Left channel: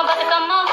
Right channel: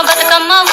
I'm about to come up.